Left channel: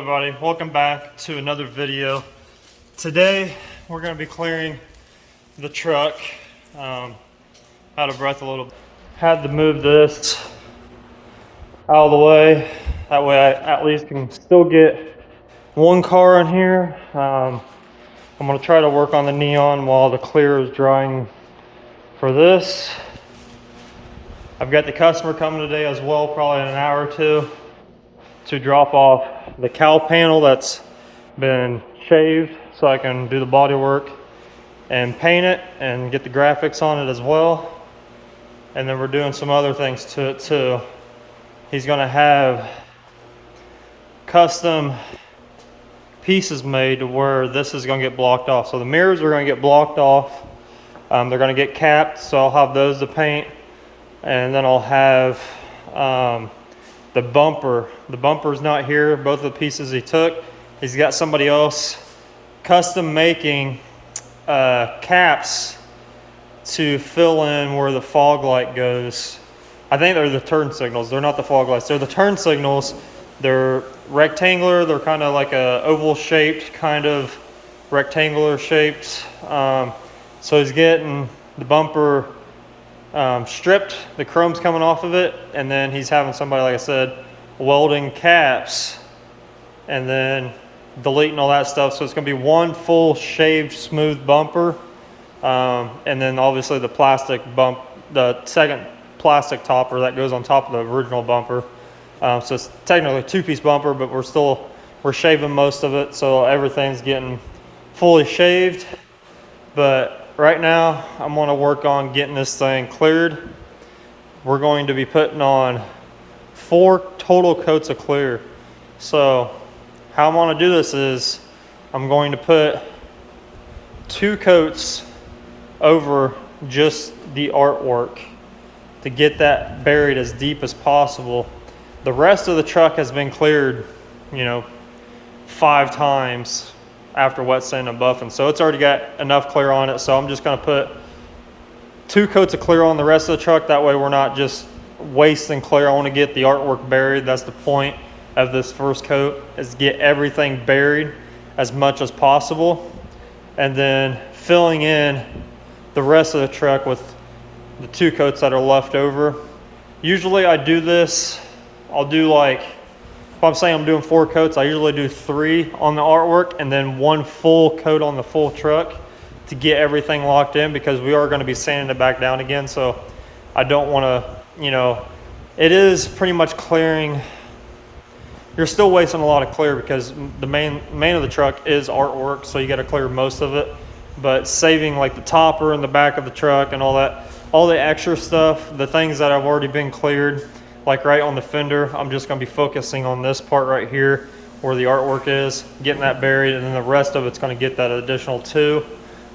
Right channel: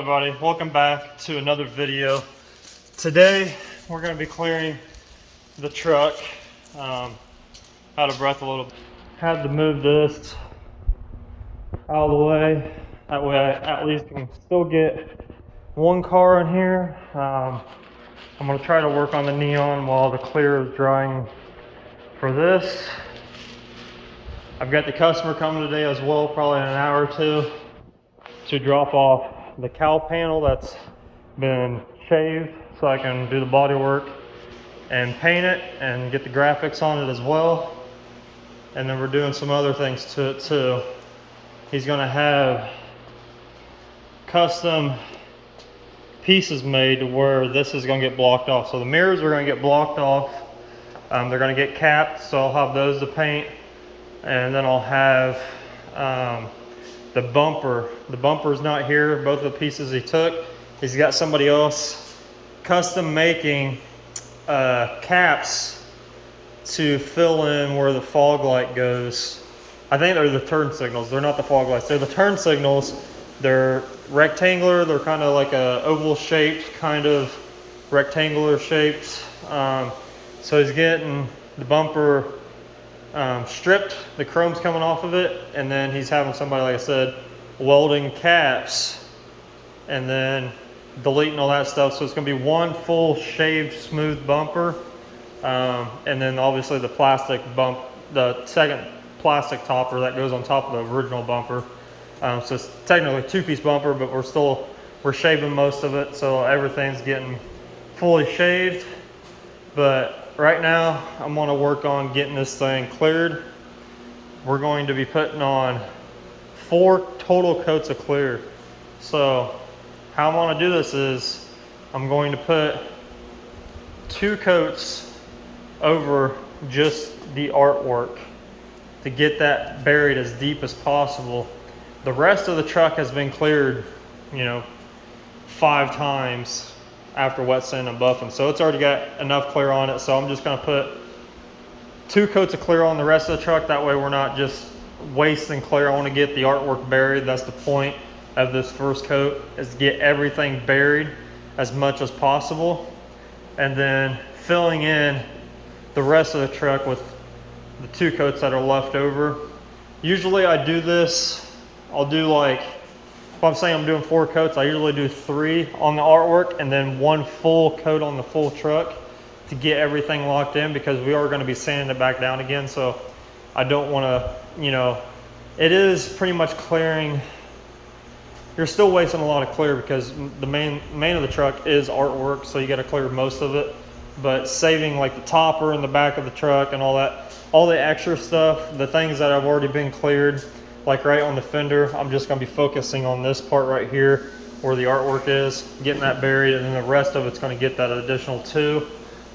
Everybody, welcome back to another video. Today we're going to be clearing the truck. Out of breath a little bit. Had to move this out of the way. That way I at least can still get one car in here. I'm going to try to work on the neon while the clear is drying for this. I've got the customer coming today as well, probably in an hour or two, to drop off the cowl panel that's been shaved so I can do the body work and paint it and get the graphics on it as well. And then we're doing some other things to it too. He's gonna have custom pieces made to where this is gonna get blocked off. So the mirrors are gonna get blocked off. They're gonna get capped, so I'll have those to paint. And then I'll have the bumper. The bumper's not here, both of the pieces he took. He's got somebody else custom making caps to fill in where the fog light goes. I think they're the turn signals. They're not the fog lights. They're the turn signals. They're rectangular. They're kind of like a oval shaped, kind of rectangular shapes. So he's getting the bumper stripped, the chrome's coming off of it, and then he's having somebody, like I said, welding caps and then deleting all that stuff. So it's going to be one full shaved smooth bumper, and then obviously the plastic bump, the second plastic topper that goes on top of the original bumper. So it's technically a two-piece bumper, but we're shaving most of it, so everything's getting fully shaved. But right now, I'm going to work on getting this thing cleared. We're going to be putting on 4 total coats of clear. So how I'm going to do this is I'm going to put 2 coats over just the artwork to get that buried as deep as possible. The rest of the truck has been cleared, 5 times after wet sand and buffing, so it's already got enough clear on it. So I'm just going to put 2 coats of clear on the rest of the truck. That way we're not just wasting clear. I want to get the artwork buried. That's the point of this first coat, is to get everything buried as much as possible, and then filling in the rest of the truck with the 2 coats that are left over. Usually I do this, I'll do like, if I'm saying I'm doing 4 coats, I usually do 3 on the artwork and then 1 full coat on the full truck to get everything locked in, because we are going to be sanding it back down again. So I don't want to, it is pretty much clearing. You're still wasting a lot of clear because the main of the truck is artwork, so you got to clear most of it. But saving like the topper in the back of the truck and all that, all the extra stuff, the things that have already been cleared, like right on the fender, I'm just going to be focusing on this part right here where the artwork is, getting that buried, and then the rest of it's going to get that additional 2.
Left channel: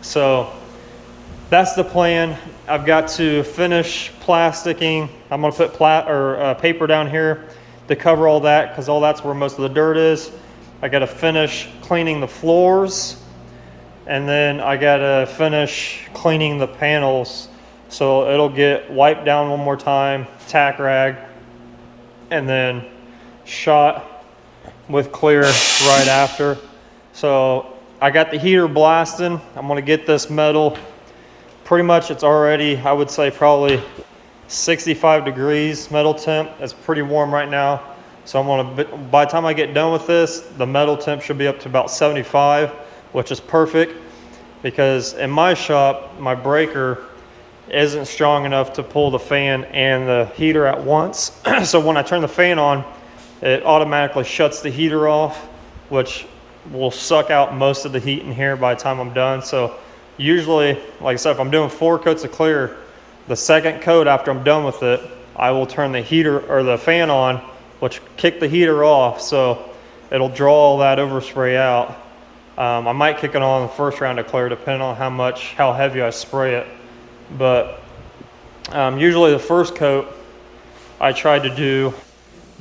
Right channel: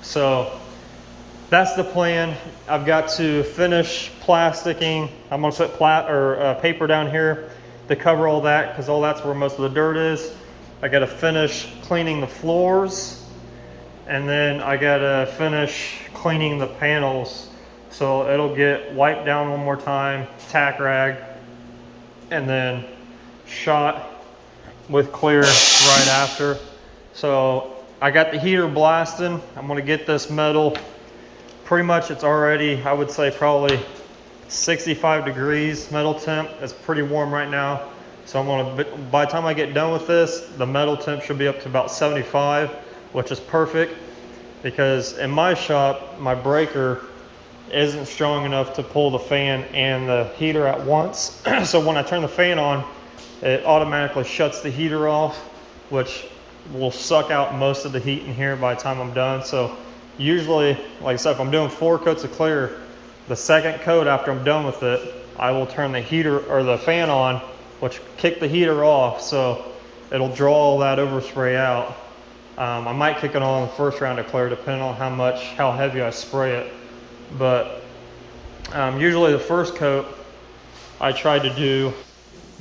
So that's the plan. I've got to finish plasticking. I'm going to put paper down here to cover all that, because all that's where most of the dirt is. I got to finish cleaning the floors, and then I got to finish cleaning the panels. So it'll get wiped down one more time, tack rag, and then shot with clear right after. So I got the heater blasting. I'm going to get this metal, pretty much it's already, I would say probably 65 degrees metal temp. It's pretty warm right now. So I'm going to, by the time I get done with this, the metal temp should be up to about 75, which is perfect, because in my shop, my breaker isn't strong enough to pull the fan and the heater at once. So when I turn the fan on, it automatically shuts the heater off, which will suck out most of the heat in here by the time I'm done. So usually, like I said, if I'm doing 4 coats of clear, the second coat after I'm done with it, I will turn the heater or the fan on, which kick the heater off, so it'll draw all that overspray out. I might kick it on the first round of clear, depending on how heavy I spray it. But usually the first coat, I try to do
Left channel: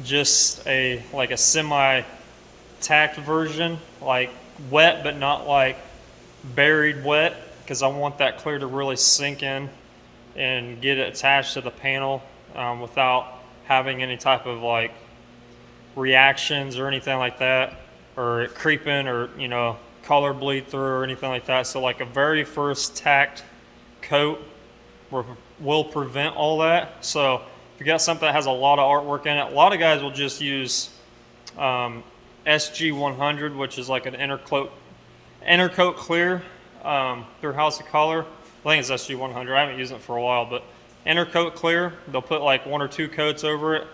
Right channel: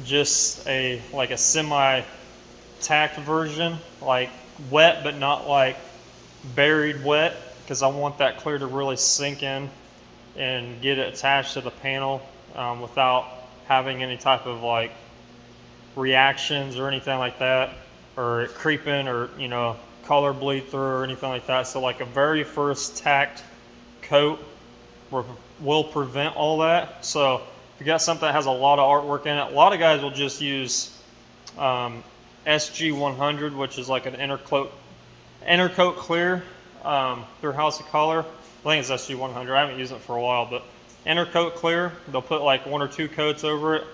just a semi-tacked version, like wet but not like buried wet, because I want that clear to really sink in and get it attached to the panel without having any type of like reactions or anything like that. or it creeping or, you know, color bleed through or anything like that. So like a very first tacked coat will prevent all that. So if you got something that has a lot of artwork in it, a lot of guys will just use SG100, which is like an intercoat clear through House of Color. I think it's SG100. I haven't used it for a while, but intercoat clear. They'll put like 1 or 2 coats over it,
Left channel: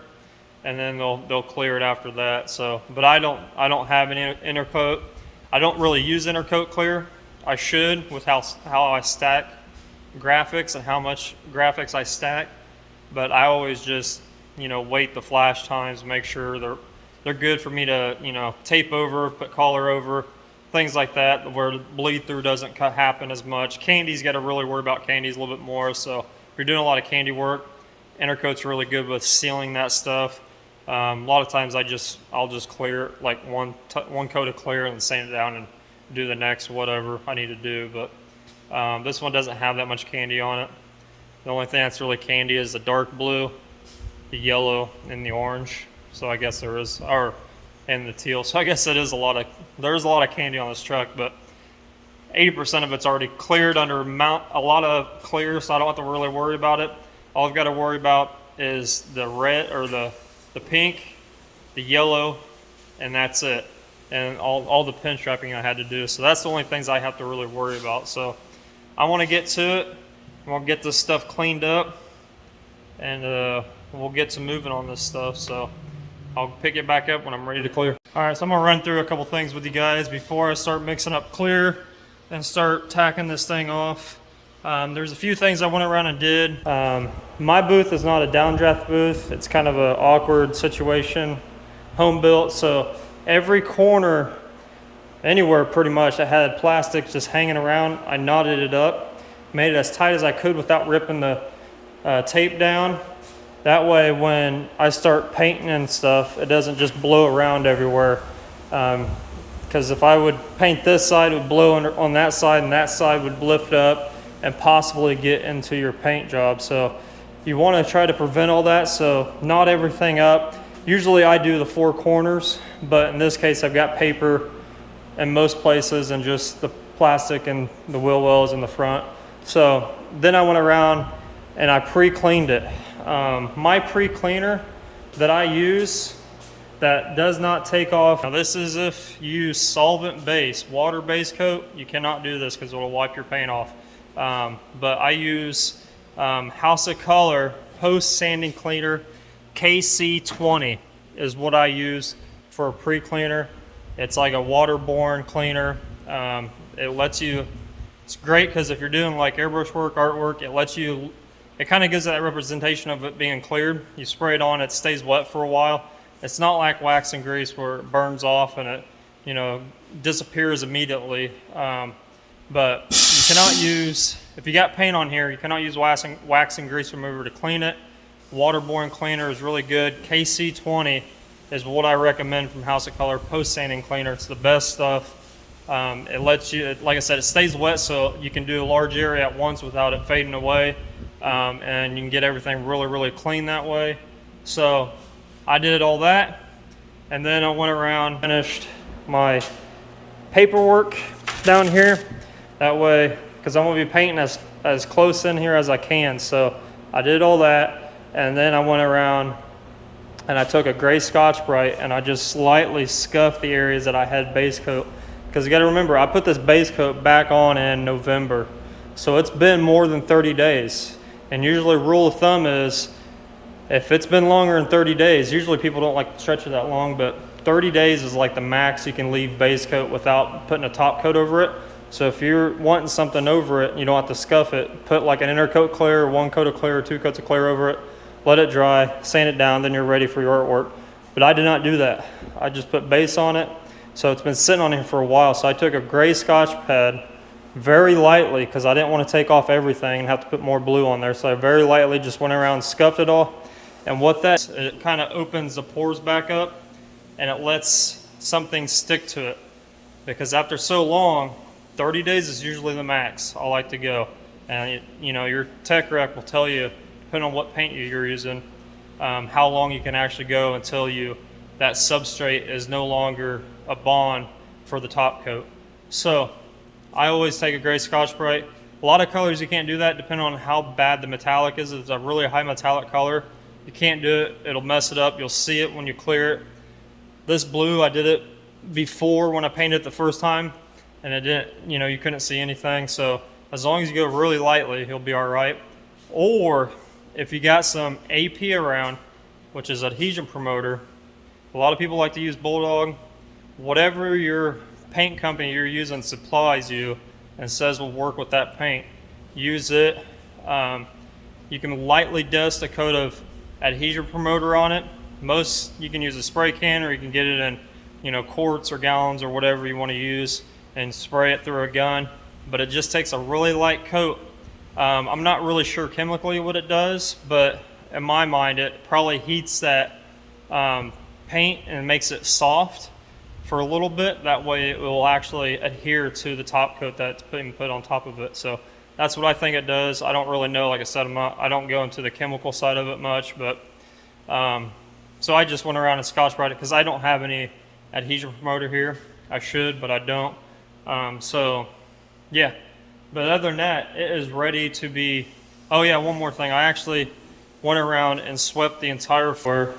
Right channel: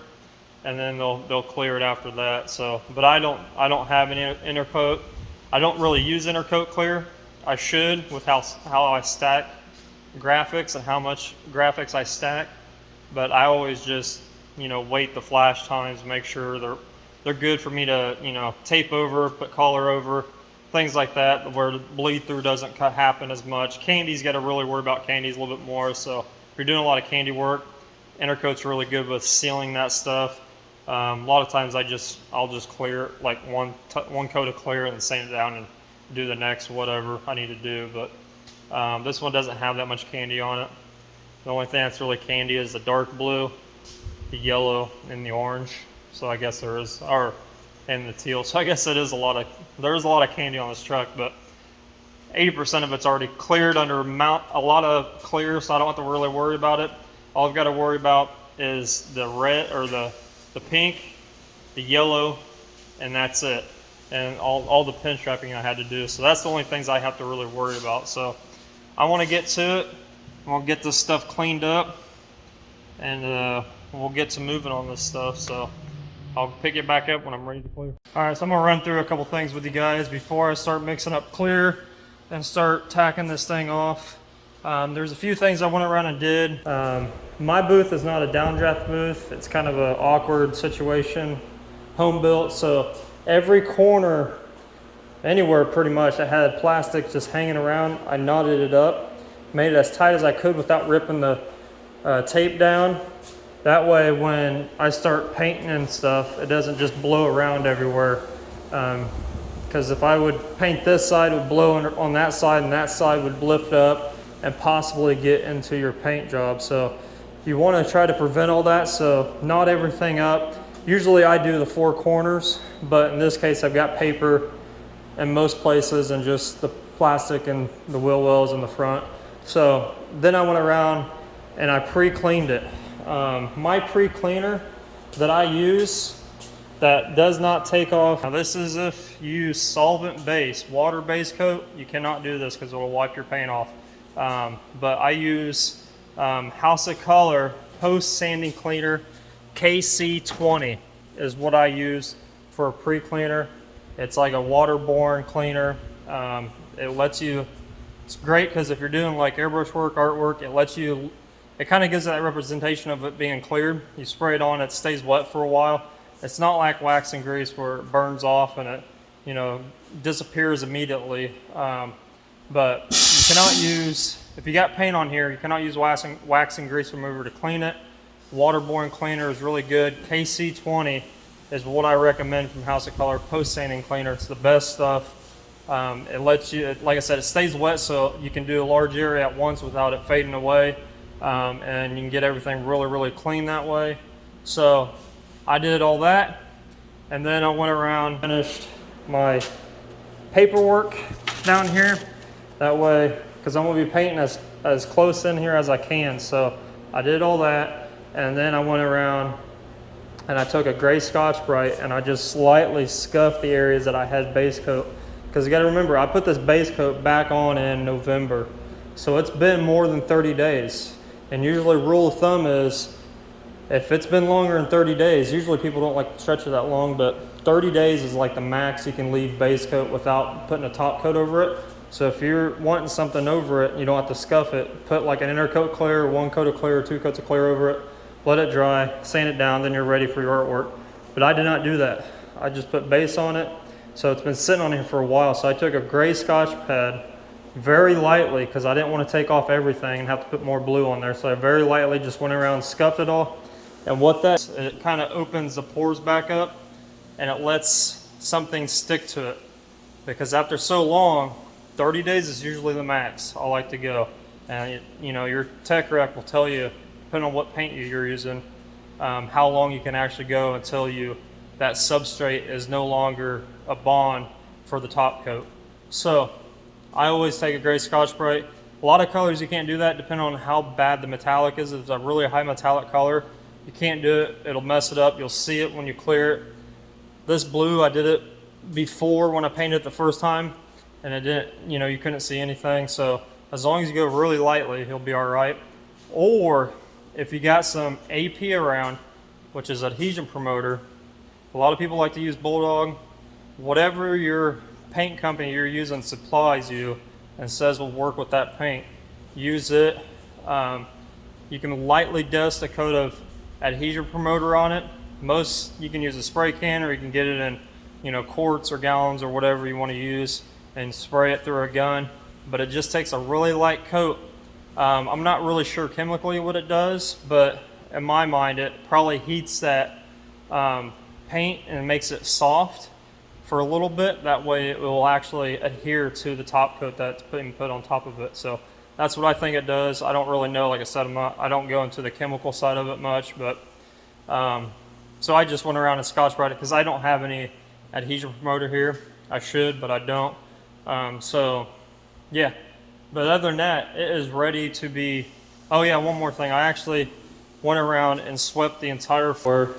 and then they'll clear it after that. So, but I don't have any intercoat. I don't really use intercoat clear. I should, with how I stack graphics and how much graphics I stack, but I always just, you know, wait the flash times, make sure they're good for me to, you know, tape over, put color over, things like that, where the bleed through doesn't happen as much. Candy's got to really worry about candies a little bit more. So if you're doing a lot of candy work, intercoat's really good with sealing that stuff. A lot of times I'll just clear like one coat of clear and sand it down and do the next whatever I need to do. But this one doesn't have that much candy on it. The only thing that's really candy is the dark blue, the yellow, and the orange. So I guess there is, and the teal. So I guess there's a lot of candy on this truck, but 80% of it's already cleared under a lot of clear, so I don't have to really worry about it. All I've got to worry about is the red or the pink, the yellow, and that's it. And all the pin strapping I had to do. So that's the only things I have to really worry about. So I want to get to it. I want to get this stuff cleaned up, and we'll get to moving on this stuff. So I'll pick it back up when I'm ready to clear. All right, so I'm gonna run through a couple things with you guys before I start mixing up clear and start tacking this thing off. There's a few things I went around and did. My booth is not a downdraft booth. It's kind of an awkward situation, home built. So every corner, anywhere pretty much, that had plastic just hanging around, I knotted it up, made it as tight as I could without ripping the tape down. That way when I start painting and stuff, it doesn't just blow around everywhere. Because if I would paint this side, it would blow on that side, and that side would lift up and possibly get into your paint job. So you want to try to prevent all that, so knot everything up. Usually I do the 4 corners, but in this case I've got paper in most places and just the plastic and the wheel wells in the front. So then I went around and I pre-cleaned it. My pre-cleaner that I use that does not take off. Now this is if you use solvent base, water base coat. You cannot do this because it will wipe your paint off. But I use House of Color post sanding cleaner. KC20 is what I use for a pre-cleaner. It's like a waterborne cleaner. It lets you, it's great because if you're doing like airbrush work, artwork, it kind of gives that representation of it being cleared. You spray it on, it stays wet for a while. It's not like wax and grease where it burns off and it, you know, disappears immediately. But you cannot use, if you got paint on here, you cannot use wax and grease remover to clean it. Waterborne cleaner is really good. KC20 is what I recommend from House of Color post sanding cleaner. It's the best stuff. It lets you, like I said, it stays wet so you can do a large area at once without it fading away. And you can get everything really, really clean that way. So I did all that, and then I went around, finished my paperwork down here. That way, because I'm gonna be painting as close in here as I can. So I did all that, and then I went around and I took a gray Scotch-Brite and I just slightly scuffed the areas that I had base coat. Because you gotta remember, I put this base coat back on in November. So it's been more than 30 days. And usually rule of thumb is, if it's been longer than 30 days, usually people don't like to stretch it that long, but 30 days is like the max you can leave base coat without putting a top coat over it. So if you're wanting something over it, you don't have to scuff it. Put like an intercoat clear, 1 coat of clear, 2 coats of clear over it, let it dry, sand it down, then you're ready for your artwork. But I did not do that. I just put base on it. So it's been sitting on here for a while. So I took a gray Scotch pad, very lightly, because I didn't want to take off everything and have to put more blue on there. So I very lightly just went around and scuffed it all. And what that, it kind of opens the pores back up and it lets something stick to it. Because after so long, 30 days is usually the max I like to go. And you know, your tech rep will tell you, depending on what paint you're using, how long you can actually go until you that substrate is no longer a bond for the top coat. So I always take a gray Scotch-Brite. A lot of colors you can't do that depending on how bad the metallic is. If it's a really high metallic color, you can't do it. It'll mess it up. You'll see it when you clear it. This blue, I did it before when I painted it the first time, and it didn't, you know, you couldn't see anything. So as long as you go really lightly, he'll be all right. Or if you got some AP around, which is adhesion promoter, a lot of people like to use Bulldog. Whatever your paint company you're using supplies you and says will work with that paint, use it. You can lightly dust a coat of adhesion promoter on it. Most, you can use a spray can, or you can get it in, you know, quarts or gallons or whatever you want to use, and spray it through a gun. But it just takes a really light coat. I'm not really sure chemically what it does, but in my mind it probably heats that paint and makes it soft for a little bit. That way it will actually adhere to the top coat that's being put on top of it. So that's what I think it does. I don't really know. Like I said, I don't go into the chemical side of it much, but so I just went around and Scotch-Brite it because I don't have any adhesion promoter here. I should, but I don't. So yeah, but other than that, it is ready to be. Oh yeah, one more thing. I actually went around and swept the entire floor.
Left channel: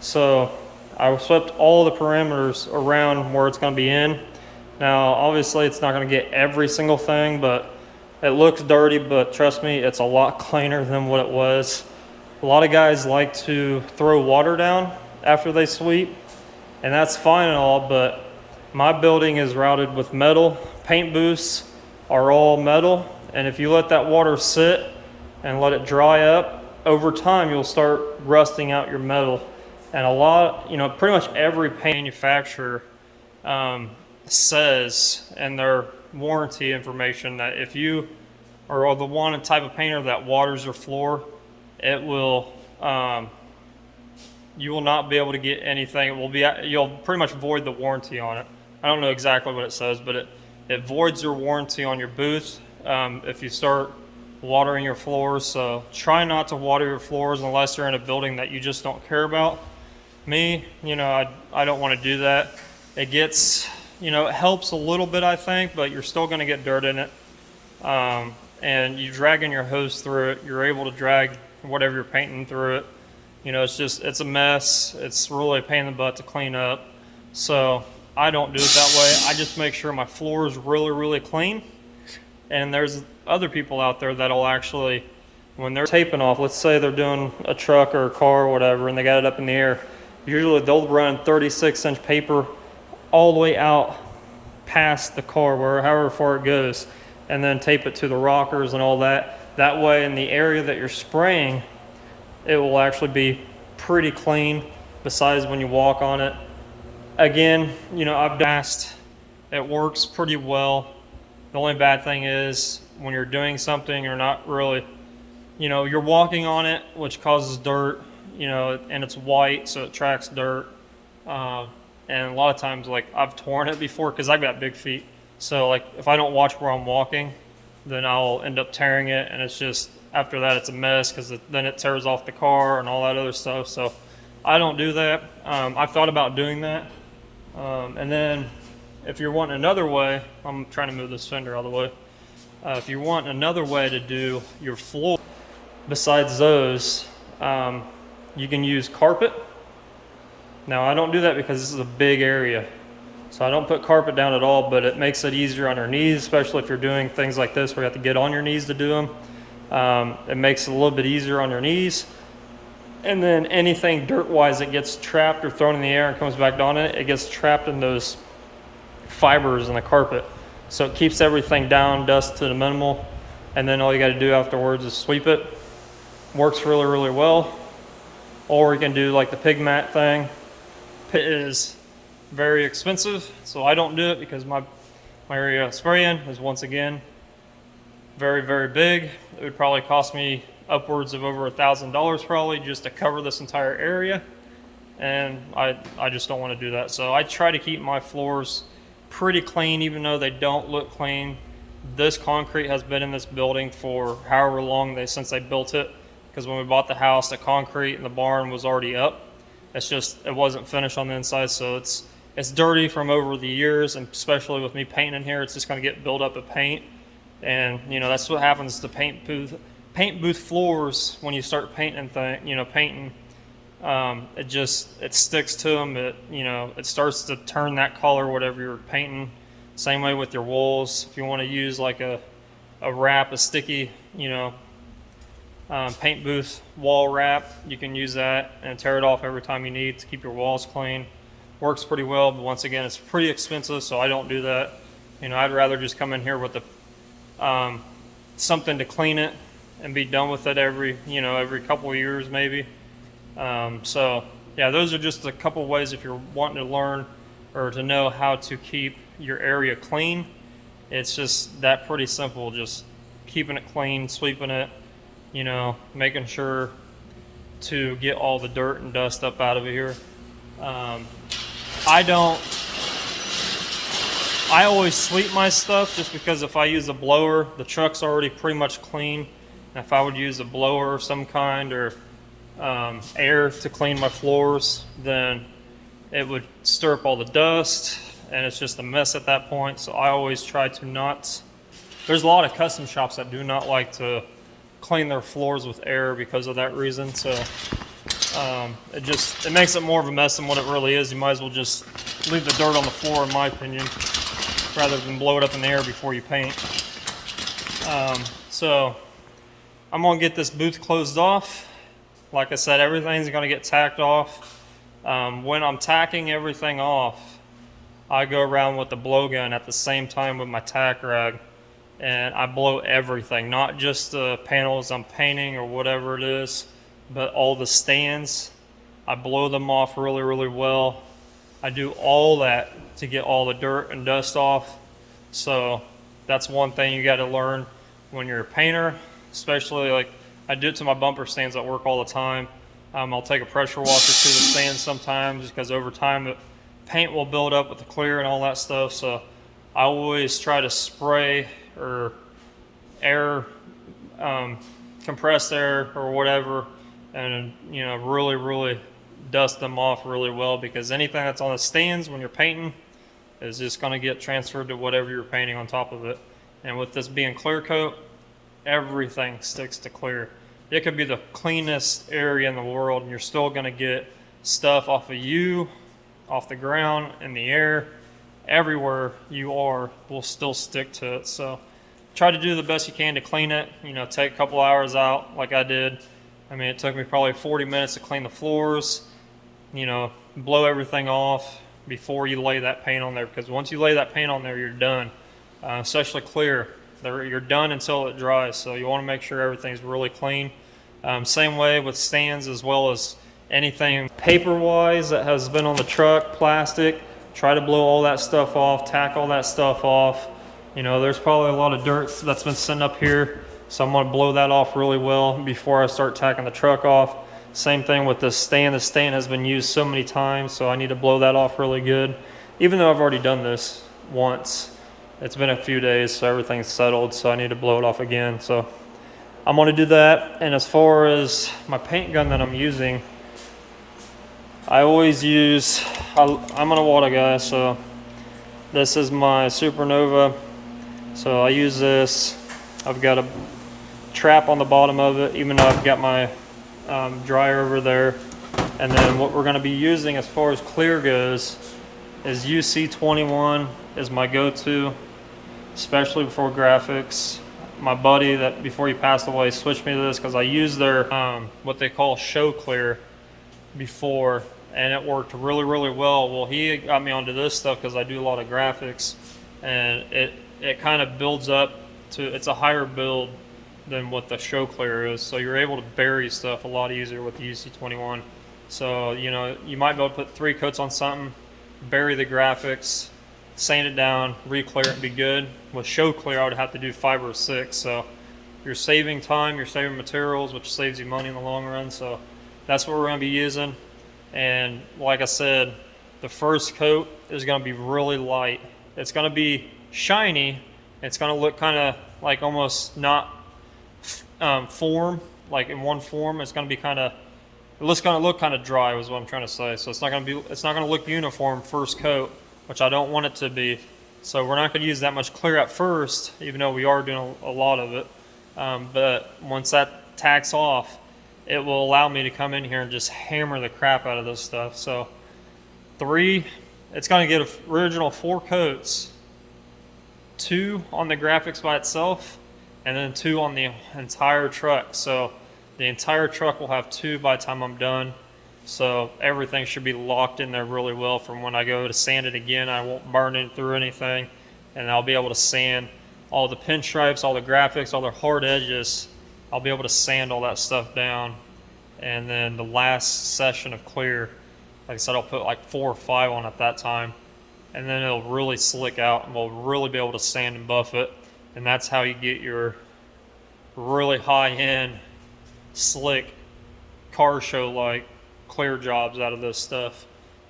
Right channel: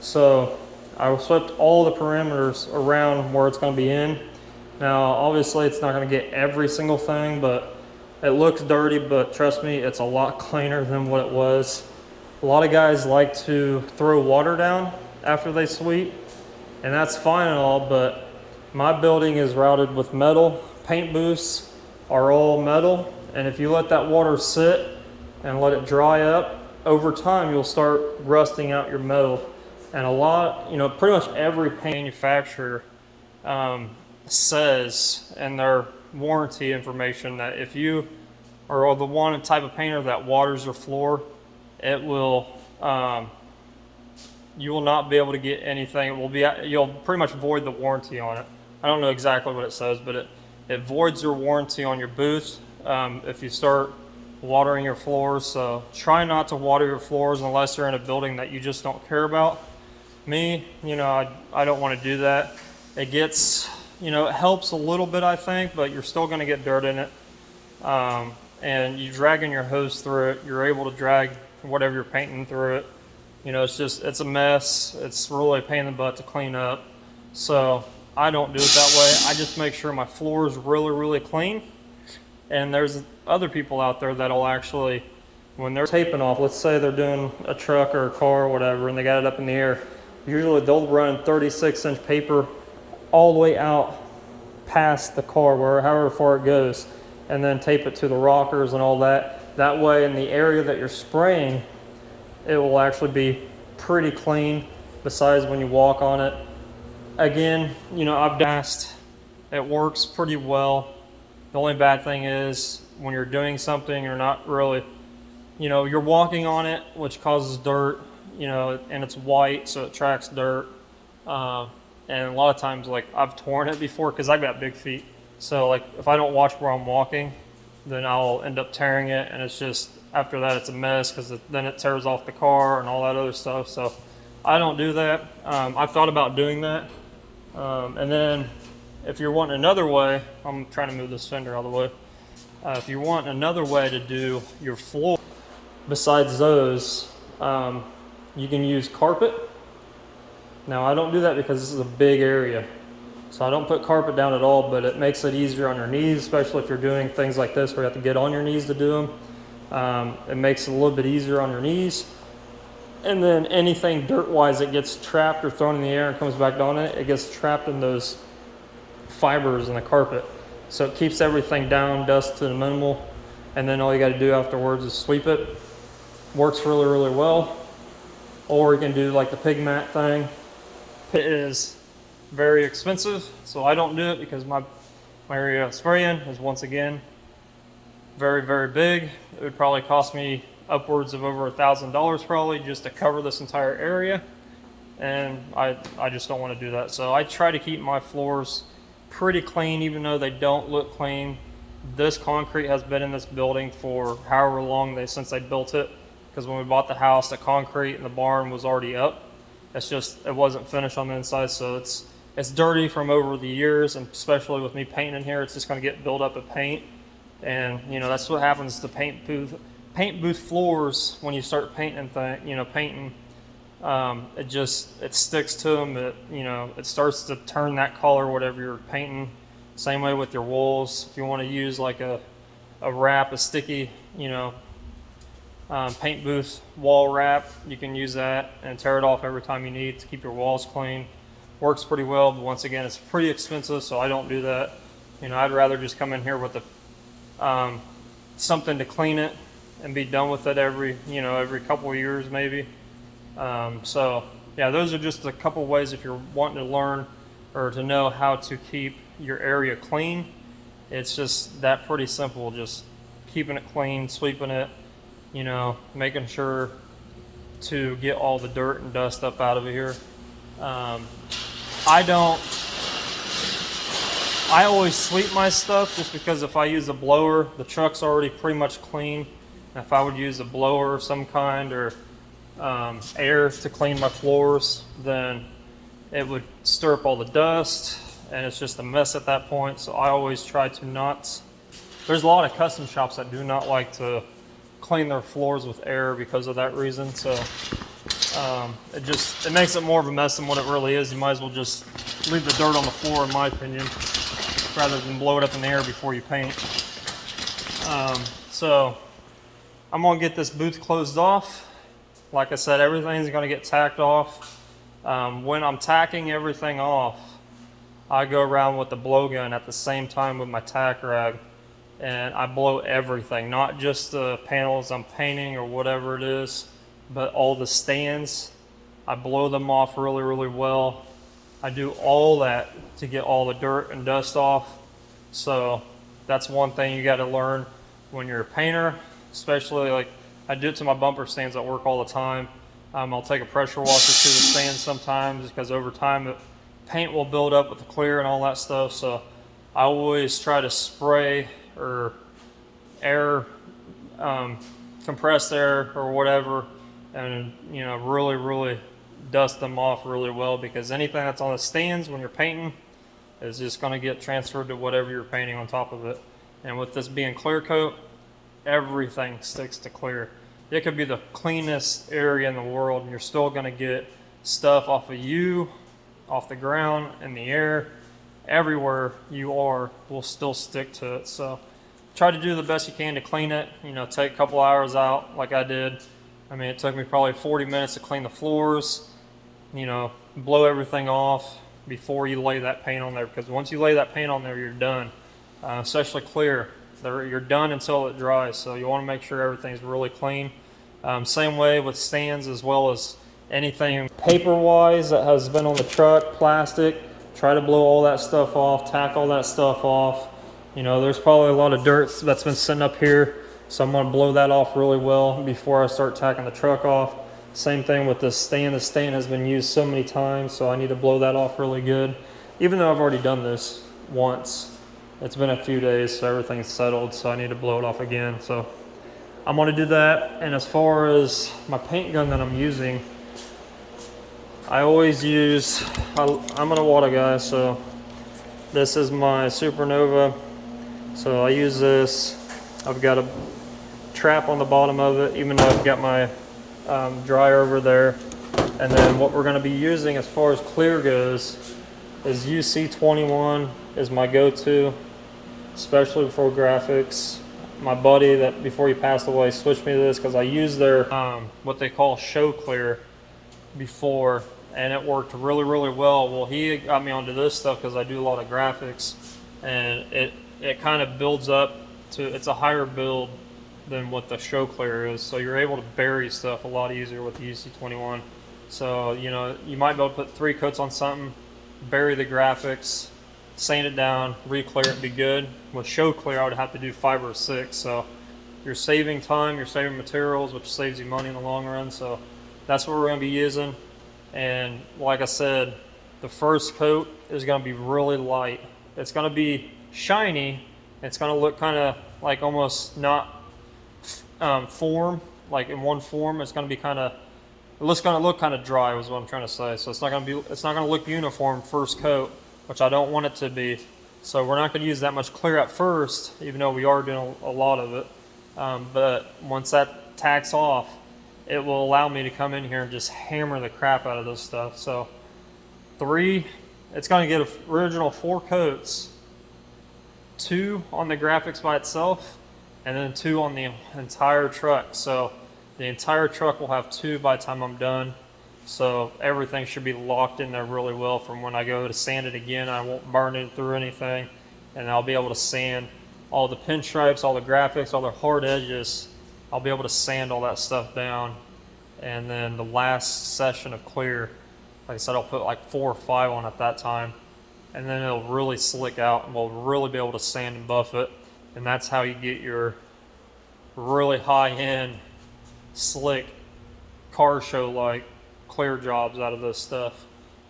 So I swept all the perimeters around where it's going to be in. Now, obviously, it's not going to get every single thing, but it looks dirty, but trust me, it's a lot cleaner than what it was. A lot of guys like to throw water down after they sweep, and that's fine and all, but my building is routed with metal. Paint booths are all metal, and if you let that water sit and let it dry up, over time, you'll start rusting out your metal. And a lot, you know, pretty much every paint manufacturer says in their warranty information that if you are the one type of painter that waters your floor, it will, you will not be able to get anything. It will be, you'll pretty much void the warranty on it. I don't know exactly what it says, but it voids your warranty on your booth if you start watering your floors. So try not to water your floors unless you're in a building that you just don't care about. Me, you know, I don't want to do that. It gets, you know, it helps a little bit, I think, but you're still going to get dirt in it. And you dragging your hose through it, you're able to drag whatever you're painting through it. You know, it's a mess. It's really a pain in the butt to clean up. So I don't do it that way. I just make sure my floor is really, really clean. And there's other people out there that'll actually, when they're taping off, let's say they're doing a truck or a car or whatever, and they got it up in the air. Usually they'll run 36-inch paper all the way out past the car, however far it goes, and then tape it to the rockers and all that. That way in the area that you're spraying, it will actually be pretty clean, besides when you walk on it. Again, you know, I've asked, it works pretty well. The only bad thing is when you're doing something, you're not really, you know, you're walking on it, which causes dirt. You know, and it's white, so it tracks dirt. And a lot of times, like, I've torn it before because I've got big feet. So, like, if I don't watch where I'm walking, then I'll end up tearing it. And it's just, after that, it's a mess because then it tears off the car and all that other stuff. So, I don't do that. I've thought about doing that. And then, if you're wanting another way, I'm trying to move this fender out of the way. If you want another way to do your floor, besides those, you can use carpet. Now I don't do that because this is a big area. So I don't put carpet down at all, but it makes it easier on your knees, especially if you're doing things like this where you have to get on your knees to do them. It makes it a little bit easier on your knees. And then anything dirt-wise that gets trapped or thrown in the air and comes back on it, it gets trapped in those fibers in the carpet. So it keeps everything down, dust to the minimal, and then all you got to do afterwards is sweep it. Works really, really well. Or you can do like the pig mat thing. It is very expensive, so I don't do it because my area of spraying is, once again, very, very big. It would probably cost me upwards of over $1,000 probably just to cover this entire area, and I just don't want to do that. So I try to keep my floors pretty clean, even though they don't look clean. This concrete has been in this building for however long since they built it. Because when we bought the house, the concrete in the barn was already up. It's just, it wasn't finished on the inside, so it's dirty from over the years, and especially with me painting in here, it's just going to get built up of paint. And you know, that's what happens to paint booth floors when you start painting painting. It sticks to them. It starts to turn that color, whatever you're painting. Same way with your walls. If you want to use like a wrap, a sticky, paint booth wall wrap, you can use that and tear it off every time you need to keep your walls clean. Works pretty well, but once again, it's pretty expensive, so I don't do that. I'd rather just come in here with something to clean it and be done with it every couple of years maybe. So yeah, those are just a couple of ways if you're wanting to learn or to know how to keep your area clean. It's just that pretty simple, just keeping it clean, sweeping it, making sure to get all the dirt and dust up out of here. I always sweep my stuff just because if I use a blower, the truck's already pretty much clean. And if I would use a blower of some kind or air to clean my floors, then it would stir up all the dust and it's just a mess at that point. So I always try to not, there's a lot of custom shops that do not like to clean their floors with air because of that reason. So it makes it more of a mess than what it really is. You might as well just leave the dirt on the floor, in my opinion, rather than blow it up in the air before you paint. So I'm gonna get this booth closed off. Like I said, everything's gonna get tacked off. When I'm tacking everything off, I go around with the blowgun at the same time with my tack rag, and I blow everything, not just the panels I'm painting or whatever it is, but all the stands. I blow them off really, really well. I do all that to get all the dirt and dust off. So that's one thing you got to learn when you're a painter, especially like I do it to my bumper stands at work all the time. I'll take a pressure washer to the stands sometimes because over time the paint will build up with the clear and all that stuff. So I always try to spray or air, compressed air or whatever, and really, really dust them off really well, because anything that's on the stands when you're painting is just going to get transferred to whatever you're painting on top of it. And with this being clear coat, everything sticks to clear. It could be the cleanest area in the world and you're still going to get stuff off of you, off the ground, in the air. Everywhere you are will still stick to it. So try to do the best you can to clean it. Take a couple hours out like I did. I mean, it took me probably 40 minutes to clean the floors. Blow everything off before you lay that paint on there, because once you lay that paint on there, you're done. Especially clear, you're done until it dries. So you want to make sure everything's really clean. Same way with stands, as well as anything paper-wise that has been on the truck, plastic. Try to blow all that stuff off, tack all that stuff off. There's probably a lot of dirt that's been sitting up here, so I'm going to blow that off really well before I start tacking the truck off. Same thing with the stand. The stand has been used so many times, so I need to blow that off really good. Even though I've already done this once, it's been a few days, so everything's settled, so I need to blow it off again. So I'm going to do that. And as far as my paint gun that I'm using, I always use, I'm an Iwata guy, so this is my Supernova. So I use this. I've got a trap on the bottom of it, even though I've got my dryer over there. And then what we're going to be using as far as clear goes is UC21 is my go-to, especially for graphics. My buddy that before he passed away switched me to this because I used their what they call show clear before, and it worked really, really well. Well, he got me onto this stuff because I do a lot of graphics, and it kind of builds up to, it's a higher build than what the show clear is, so you're able to bury stuff a lot easier with the UC21. So you might be able to put 3 coats on something, bury the graphics, sand it down, re-clear it, and be good. With show clear, I would have to do 5 or 6. So you're saving time, you're saving materials, which saves you money in the long run. So that's what we're going to be using. And like I said, the first coat is going to be really light. It's going to be shiny. It's going to look kind of like almost not form, like in one form. It's going to be kind of It's gonna look kind of dry, was what I'm trying to say. So it's not gonna look uniform first coat, which I don't want it to be. So we're not gonna use that much clear at first, even though we are doing a lot of it. But once that tacks off, it will allow me to come in here and just hammer the crap out of this stuff. So it's gonna get original 4 coats, 2 on the graphics by itself, and then 2 on the entire truck. So the entire truck will have 2 by the time I'm done. So everything should be locked in there really well. From when I go to sand it again, I won't burn it through anything, and I'll be able to sand all the pinstripes, all the graphics, all the hard edges. I'll be able to sand all that stuff down. And then the last session of clear, like I said, I'll put like 4 or 5 on at that time, and then it'll really slick out, and we'll really be able to sand and buff it. And that's how you get your really high-end, slick, car show like clear jobs out of this stuff,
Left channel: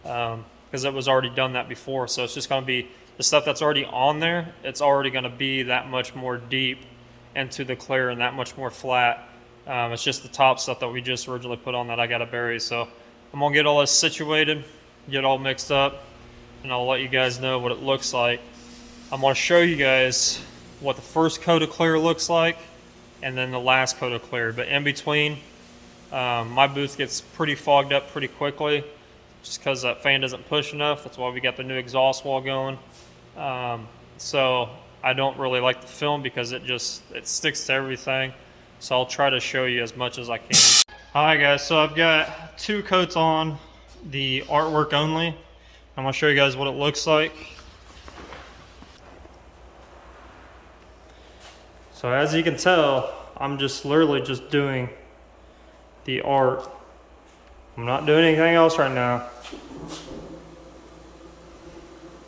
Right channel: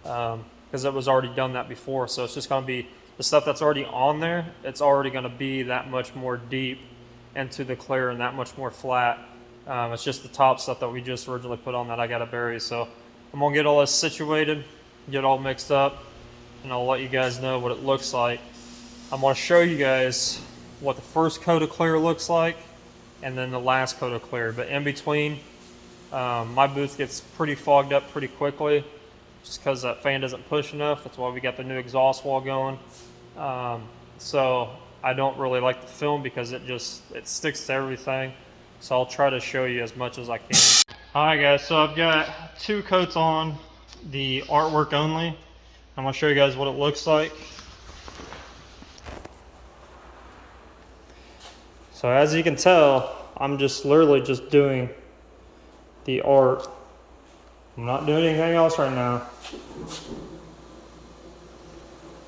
because it was already done that before. So it's just going to be the stuff that's already on there. It's already going to be that much more deep into the clear and that much more flat. It's just the top stuff that we just originally put on that I got to bury. So I'm gonna get all this situated, get all mixed up, and I'll let you guys know what it looks like. I'm gonna show you guys what the first coat of clear looks like, and then the last coat of clear. But in between, my booth gets pretty fogged up pretty quickly, just because that fan doesn't push enough. That's why we got the new exhaust wall going. So I don't really like the film because it sticks to everything. So I'll try to show you as much as I can. Alright guys, so I've got 2 coats on the artwork only. I'm gonna show you guys what it looks like. So as you can tell, I'm just literally just doing the art. I'm not doing anything else right now.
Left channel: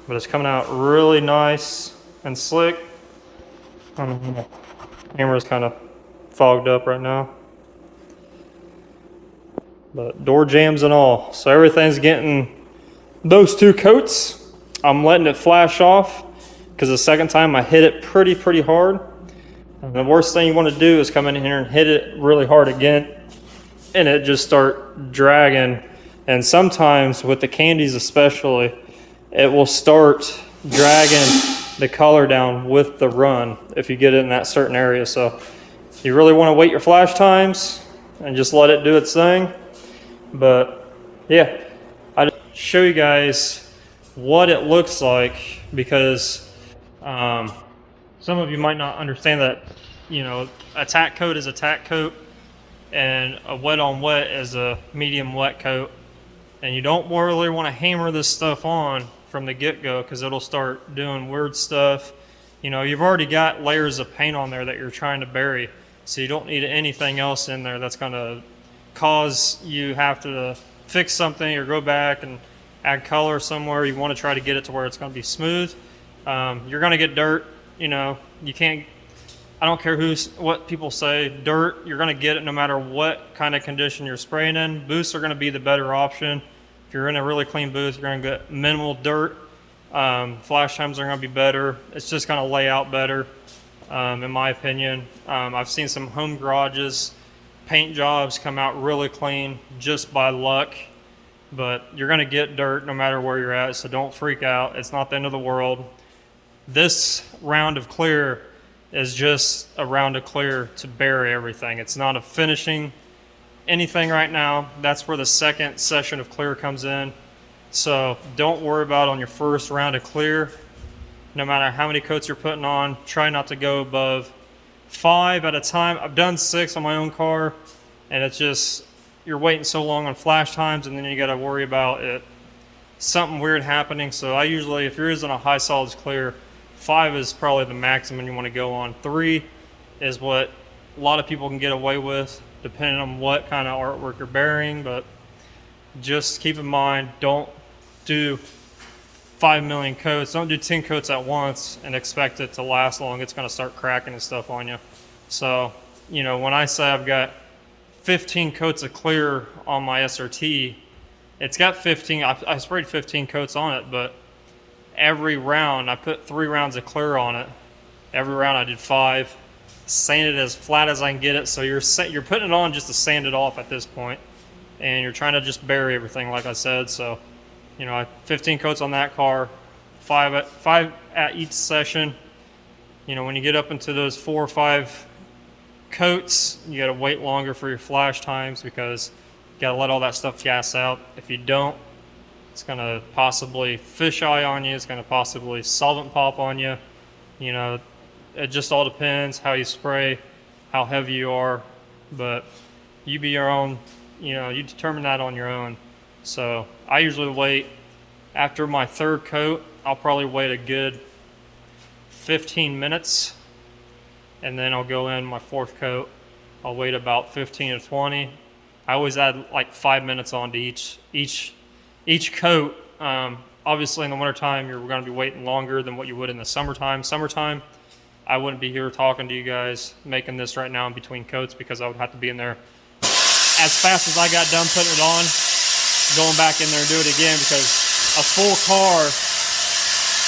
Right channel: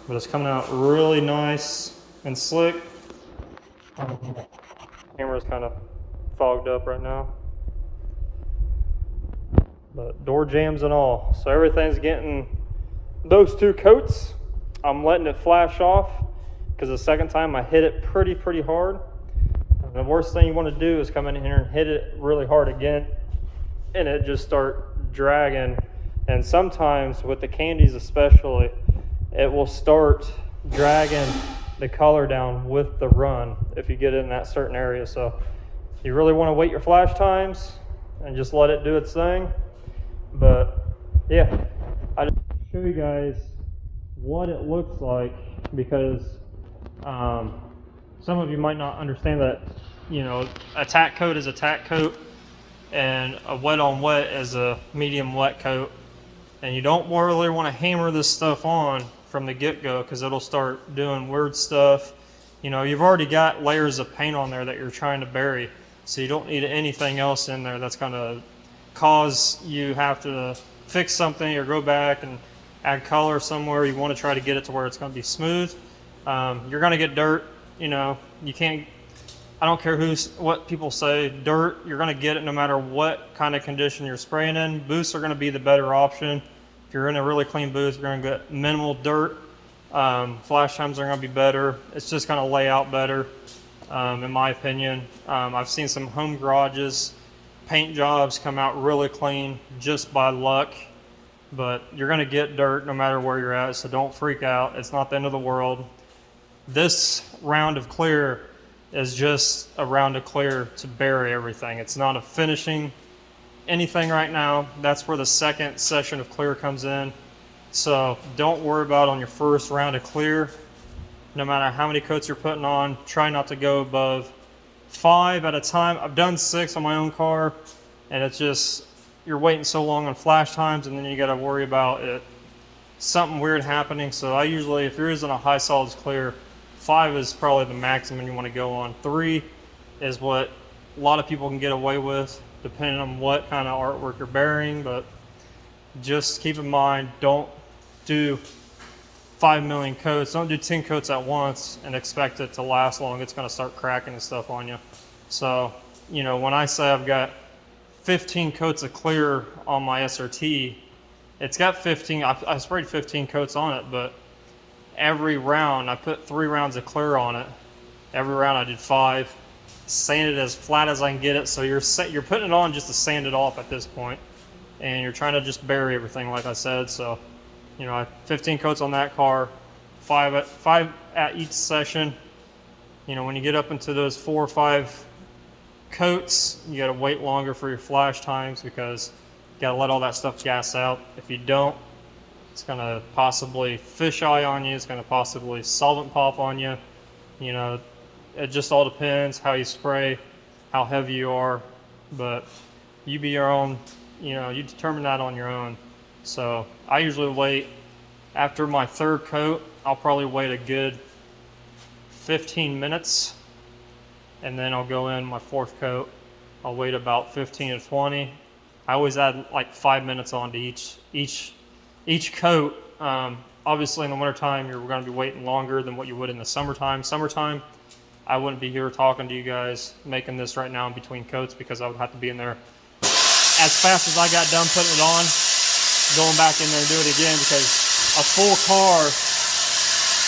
But it's coming out really nice and slick. Camera's kind of fogged up right now. But door jams and all. So everything's getting those 2 coats. I'm letting it flash off because the second time I hit it pretty hard. And the worst thing you want to do is come in here and hit it really hard again and it just start dragging. And sometimes with the candies especially, it will start dragging the color down with the run if you get it in that certain area. So you really want to wait your flash times and just let it do its thing. But yeah, I'd show you guys what it looks like, because some of you might not understand that, you know, a tack coat is a tack coat and a wet on wet is a medium wet coat. And you don't really want to hammer this stuff on from the get-go because it'll start doing weird stuff. You know, you've already got layers of paint on there that you're trying to bury, so you don't need anything else in there that's going to cause you have to fix something or go back and add color somewhere. You want to try to get it to where it's going to be smooth. You're going to get dirt. You know, you can't, I don't care what people say, dirt, you're going to get it no matter what kind of condition you're spraying in. Booths are going to be the better option. If you're in a really clean booth, you're going to get minimal dirt. Flash times are going to be better. It's just going to lay out better, in my opinion. I've seen some home garages, paint jobs come out really clean just by luck, but you're going to get dirt no matter where you're at, so don't freak out. It's not the end of the world. This round of clear is just a round of clear to bury everything. It's not a finishing anything right now. That's where the second session of clear comes in. So don't worry about on your first round of clear. No matter how many coats you're putting on, try not to go above 5 at a time. I've done 6 on my own car, and it's just, you're waiting so long on flash times, and then you got to worry about it, something weird happening. So I usually, if you're using a high solids clear, 5 is probably the maximum you want to go on. 3 is what a lot of people can get away with, depending on what kind of artwork you're burying. But just keep in mind, don't do 5 million coats. Don't do 10 coats at once and expect it to last long. It's going to start cracking and stuff on you. So, you know, when I say I've got 15 coats of clear on my SRT, it's got 15, I sprayed 15 coats on it, but every round I put 3 rounds of clear on it. Every round I did 5, sand it as flat as I can get it. So you're putting it on just to sand it off at this point. and you're trying to just bury everything, like I said. So, you know, I 15 coats on that car, five at each session. You know, when you get up into those 4 or 5 coats, you got to wait longer for your flash times because you got to let all that stuff gas out. If you don't, it's going to possibly fisheye on you. It's going to possibly solvent pop on you. You know, it just all depends how you spray, how heavy you are, but you be your own, you know, you determine that on your own. So I usually wait after my 3rd coat. I'll probably wait a good 15 minutes, and then I'll go in my 4th coat. I'll wait about 15 to 20. I always add like 5 minutes onto each coat. Obviously in the wintertime, you're going to be waiting longer than what you would in the summertime. Summertime, I wouldn't be here talking to you guys, making this right now in between coats, because I would have to be in there as fast as I got done putting it on, going back in there and do it again, because a full car,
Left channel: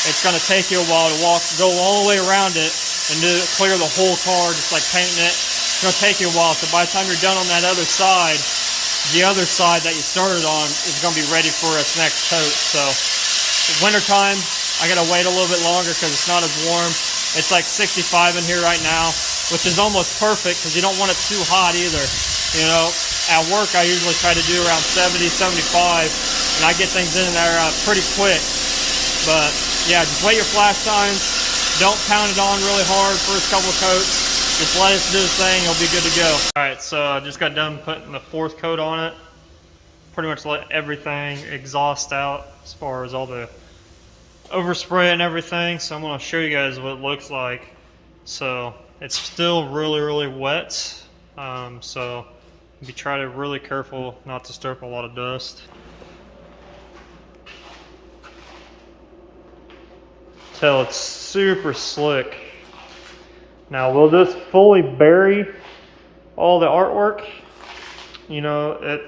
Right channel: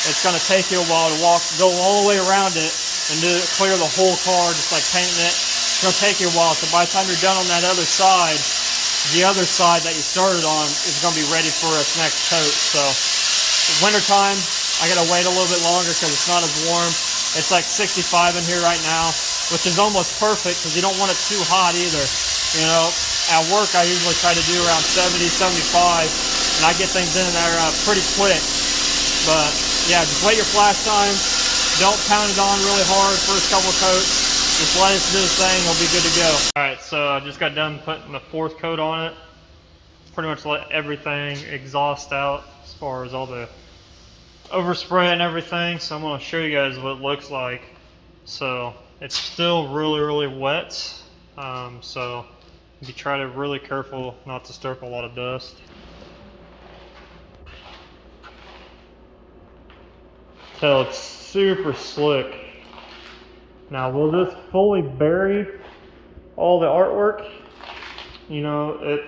it's going to take you a while to go all the way around it and clear the whole car, just like painting it. It's going to take you a while. So by the time you're done on that other side, the other side that you started on is going to be ready for its next coat. So wintertime, I got to wait a little bit longer because it's not as warm. It's like 65 in here right now, which is almost perfect because you don't want it too hot either. You know, at work I usually try to do around 70, 75, and I get things in there pretty quick. But yeah, just wait your flash times. Don't pound it on really hard first couple of coats. Just let it do its thing, it'll be good to go. Alright, so I just got done putting the 4th coat on it. Pretty much let everything exhaust out as far as all the overspray and everything. So I'm going to show you guys what it looks like. So it's still really wet. So you try to be really careful not to stir up a lot of dust. Till it's super slick. Now, will this fully bury all the artwork? You know,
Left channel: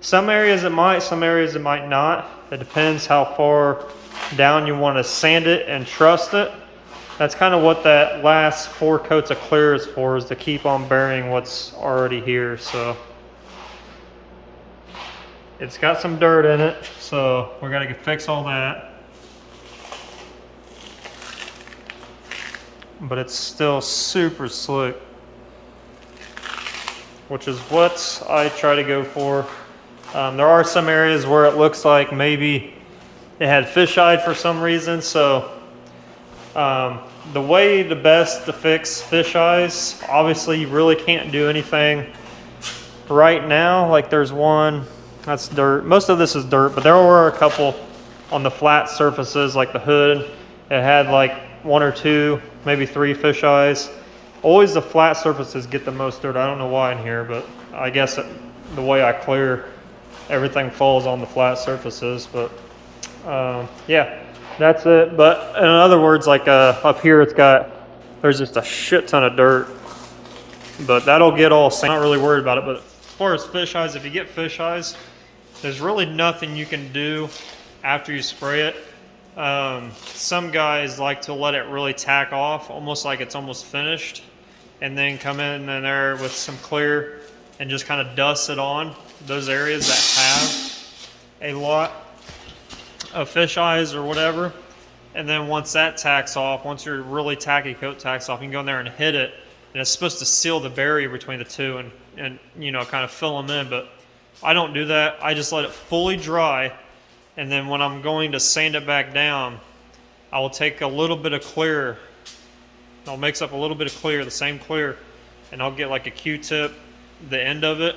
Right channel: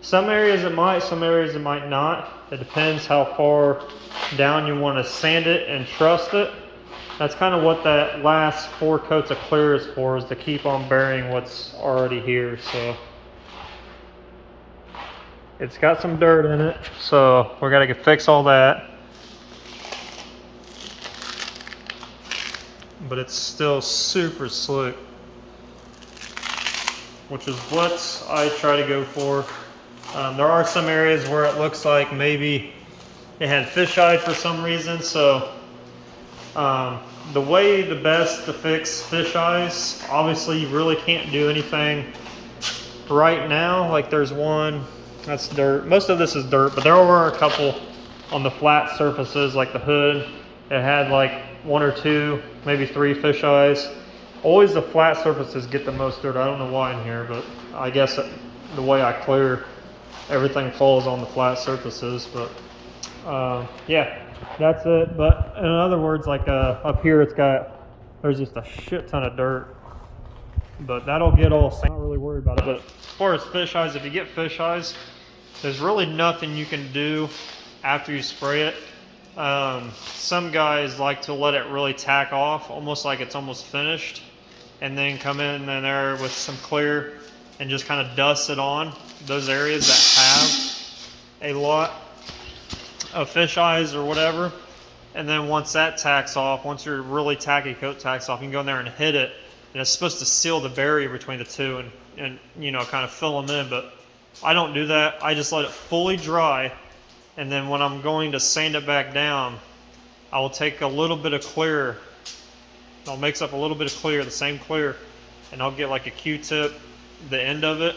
some areas it might, some areas it might not. It depends how far down you want to sand it and trust it. That's kind of what that last 4 coats of clear is for, is to keep on burying what's already here. So it's got some dirt in it, so we're gonna fix all that. But it's still super slick, which is what I try to go for. There are some areas where it looks like maybe it had fisheye for some reason. So the best to fix fish eyes, obviously you really can't do anything right now. Like there's one, that's dirt. Most of this is dirt, but there were a couple on the flat surfaces, like the hood. It had like 1 or 2, maybe 3 fish eyes. Always the flat surfaces get the most dirt. I don't know why in here, but I guess the way I clear, everything falls on the flat surfaces. But yeah, that's it. But in other words, like up here, there's just a shit ton of dirt. But that'll get all sand. I'm not really worried about it. But as far as fish eyes, if you get fish eyes, there's really nothing you can do after you spray it. Some guys like to let it really tack off, almost like it's almost finished, and then come in there with some clear and just kind of dust it on those areas that have a lot of fish eyes or whatever. And then once that tacks off, once your really tacky coat tacks off, you can go in there and hit it, and it's supposed to seal the barrier between the two and you know, kind of fill them in. But I don't do that. I just let it fully dry. And then when I'm going to sand it back down, I will take a little bit of clear. I'll mix up a little bit of clear, the same clear, and I'll get like a Q-tip, the end of it,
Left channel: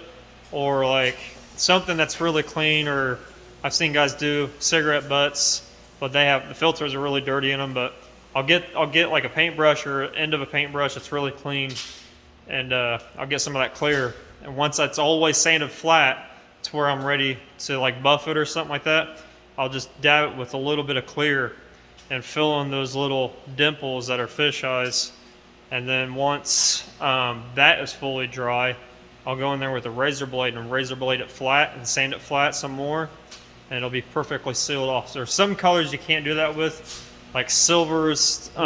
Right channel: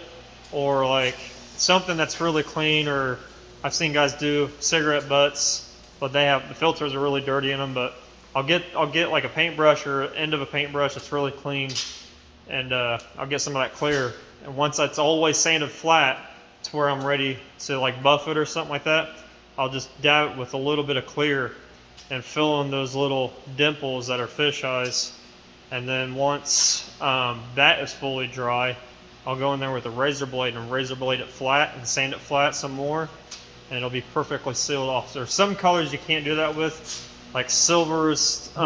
or like something that's really clean. Or I've seen guys do cigarette butts, but the filters are really dirty in them. But I'll get like a paintbrush or end of a paintbrush that's really clean, and I'll get some of that clear. And once that's all the way sanded flat to where I'm ready to like buff it or something like that, I'll just dab it with a little bit of clear and fill in those little dimples that are fish eyes. And then once that is fully dry, I'll go in there with a razor blade and razor blade it flat and sand it flat some more, and it'll be perfectly sealed off. There's some colors you can't do that with, like silvers, you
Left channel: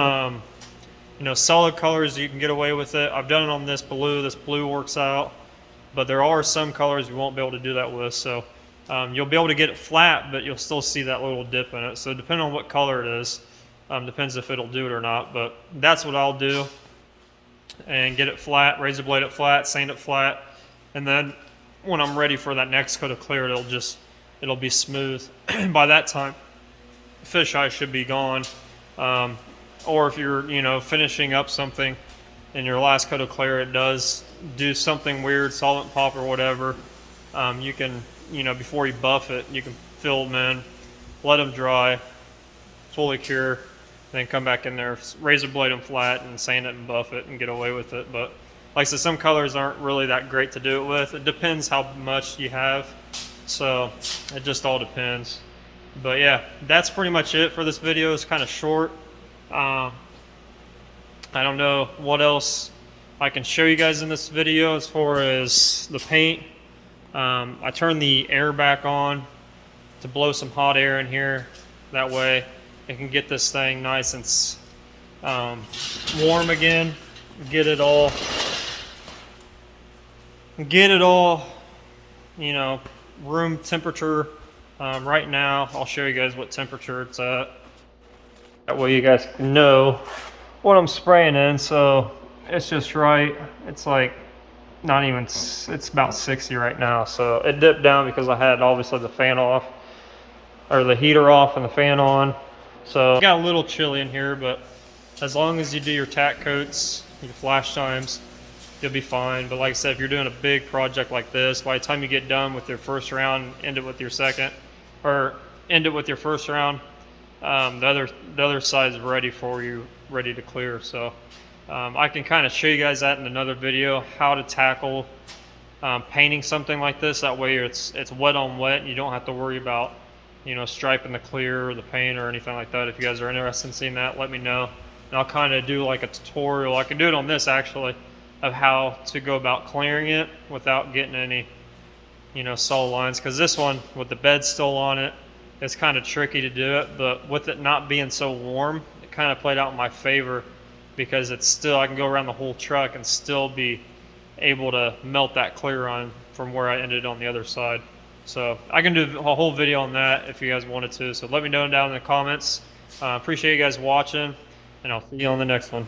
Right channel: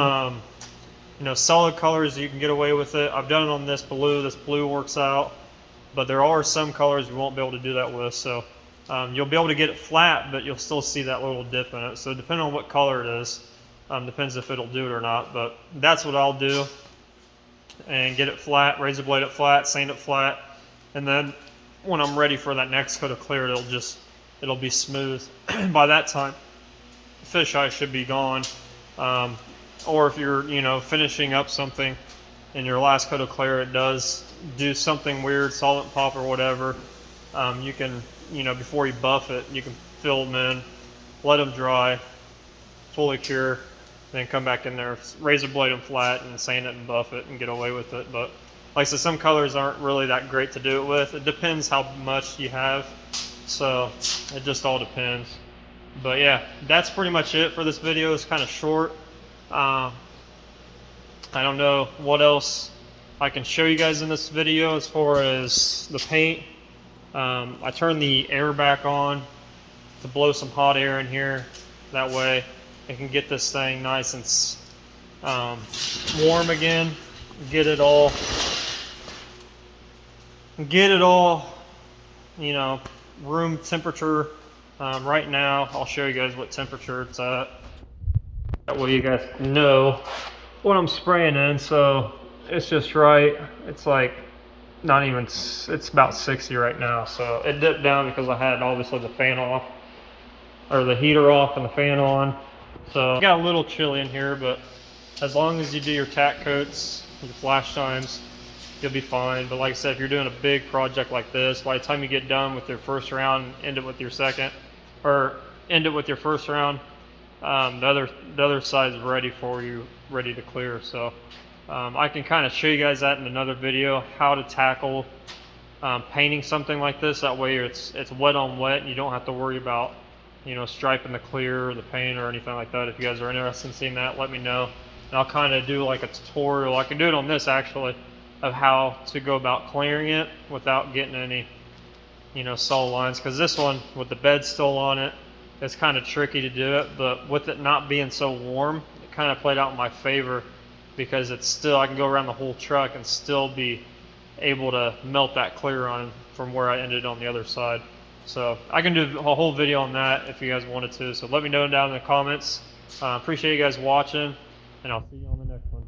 know, solid colors you can get away with it. I've done it on this blue. This blue works out. but there are some colors you won't be able to do that with. So you'll be able to get it flat, but you'll still see that little dip in it. So depending on what color it is, depends if it'll do it or not. But that's what I'll do, and get it flat, razor blade it flat, sand it flat, and then when I'm ready for that next coat of clear, it'll be smooth. By that time, fisheye should be gone. Or if you're finishing up something in your last coat of clear, it does do something weird, solvent pop or whatever, you can, before you buff it, you can fill them in, let them dry, fully cure, then come back in there, razor blade them flat, and sand it and buff it and get away with it. But like I said, some colors aren't really that great to do it with. It depends how much you have, so it just all depends. But yeah, that's pretty much it for this video. It's kind of short. I don't know what else I can show you guys in this video as far as the paint. I turned the air back on to blow some hot air in here. That way it can get this thing nice and warm again. Get it all, room temperature. Right now, I'll show you guys what temperature it's at. That way you guys know what I'm spraying in. So it's just right. It's like not even, it's about 60 right now. So it dipped down because I had obviously the fan off, or the heater off and the fan on. So it got a little chilly in here, but as long as you do your tack coats, your flash times, you'll be fine. But like I said, if you're doing a big project like this, by the time you get done with your first round, end it with your second, or end it with your first round, the other side is ready for you, ready to clear. So I can kind of show you guys that in another video, how to tackle painting something like this. That way it's wet on wet, and you don't have to worry about striping the clear or the paint or anything like that. If you guys are interested in seeing that, let me know, and I'll kind of do like a tutorial. I can do it on this actually, of how to go about clearing it without getting any solid lines, because this one with the bed still on it, it's kind of tricky to do it. But with it not being so warm, it kind of played out in my favor, because it's still, I can go around the whole truck and still be able to melt that clear on from where I ended on the other side. So I can do a whole video on that if you guys wanted to. So let me know down in the comments. Appreciate you guys watching, and I'll see you on the next one.